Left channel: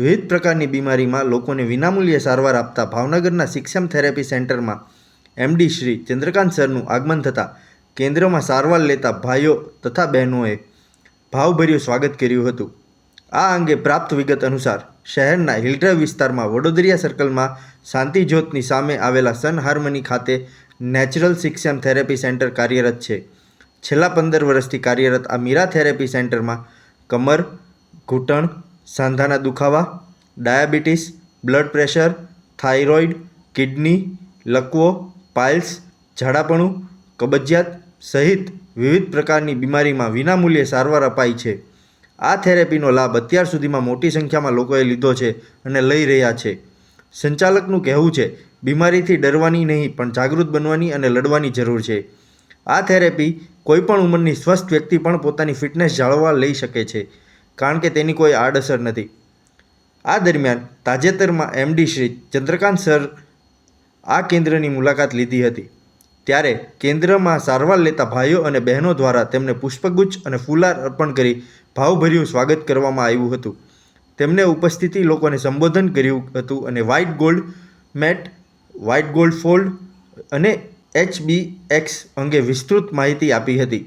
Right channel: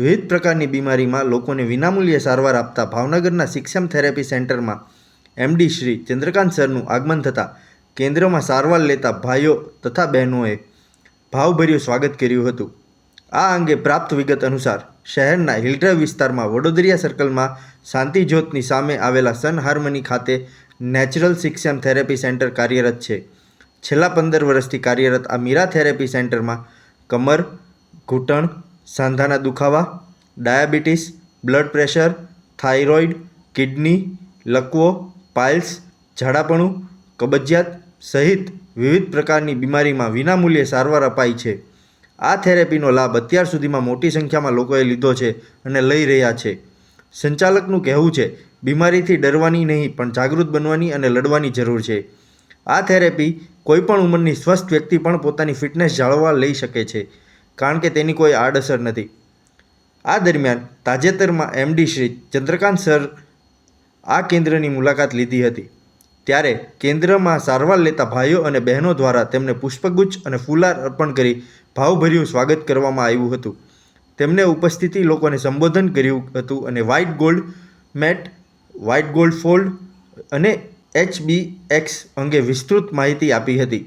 વિવિધ પ્રકારની બીમારીમાં લોકોને વિનામૂલ્યે સારવાર આપતા ભાવનગરના સિક્ષમ થેરેપી સેન્ટરમાં એમડી શ્રી ચંદ્રકાંત સરનું આગમન થતાં કેન્દ્રમાં સારવાર લેતા ભાઈઓ તથા બહેનોએ ભાવભર્યું સ્વાગત કર્યું હતું. આ અંગે પ્રાપ્ત વિગત અનુસાર શહેરના હિલડ્રાઈવ વિસ્તારમાં વડોદરિયા સર્કલમાં શાંતિજ્યોતની સામે આવેલા સન હાર્મની ખાતે નેચરલ સિક્ષમ થેરેપી સેન્ટર કાર્યરત છે. છેલ્લા 15 વર્ષથી કાર્યરત આ મીરા થેરેપી સેન્ટરમાં કમર, ઘૂંટણ, સાંધાના દુખાવા, diabetes, blood pressure, thyroid, kidney, લકવો, પાઇલ્સ, ઝાડાપણું, કબજિયાત સહિત વિવિધ પ્રકારની બીમારીમાં વિનામૂલ્યે સારવાર અપાય છે. આ થેરેપીનો લાભ અત્યાર સુધીમાં મોટી સંખ્યામાં લોકોએ લીધો છે અને લઈ રહ્યા છે. સંચાલકનું કહેવું છે, બીમારીથી ડરવાની નહીં પણ જાગૃત બનવાની અને લડવાની જરૂર છે. આ થેરેપી કોઈપણ ઉંમરની સ્વસ્થ વ્યક્તિ પણ પોતાની ફિટનેસ જાળવવા લઈ શકે છે, કારણ કે તેની કોઈ આડઅસર નથી. આ દરમિયાન તાજેતરમાં એમડી શ્રી ચંદ્રકાંત સર આ કેન્દ્રની મુલાકાત લીધી હતી, ત્યારે કેન્દ્રમાં સારવાર લેતા ભાઈઓ અને બહેનો દ્વારા તેમને પુષ્પગુચ્છ અને ફુલાર અર્પણ કરી ભાવભર્યું સ્વાગત કરવામાં આવ્યું હતું. તેમને ઉપસ્થિત લોકોને સંબોધન કર્યું હતું અને white gold mat, white gold fold અને HBX અંગે વિસ્તૃત માહિતી આપી હતી.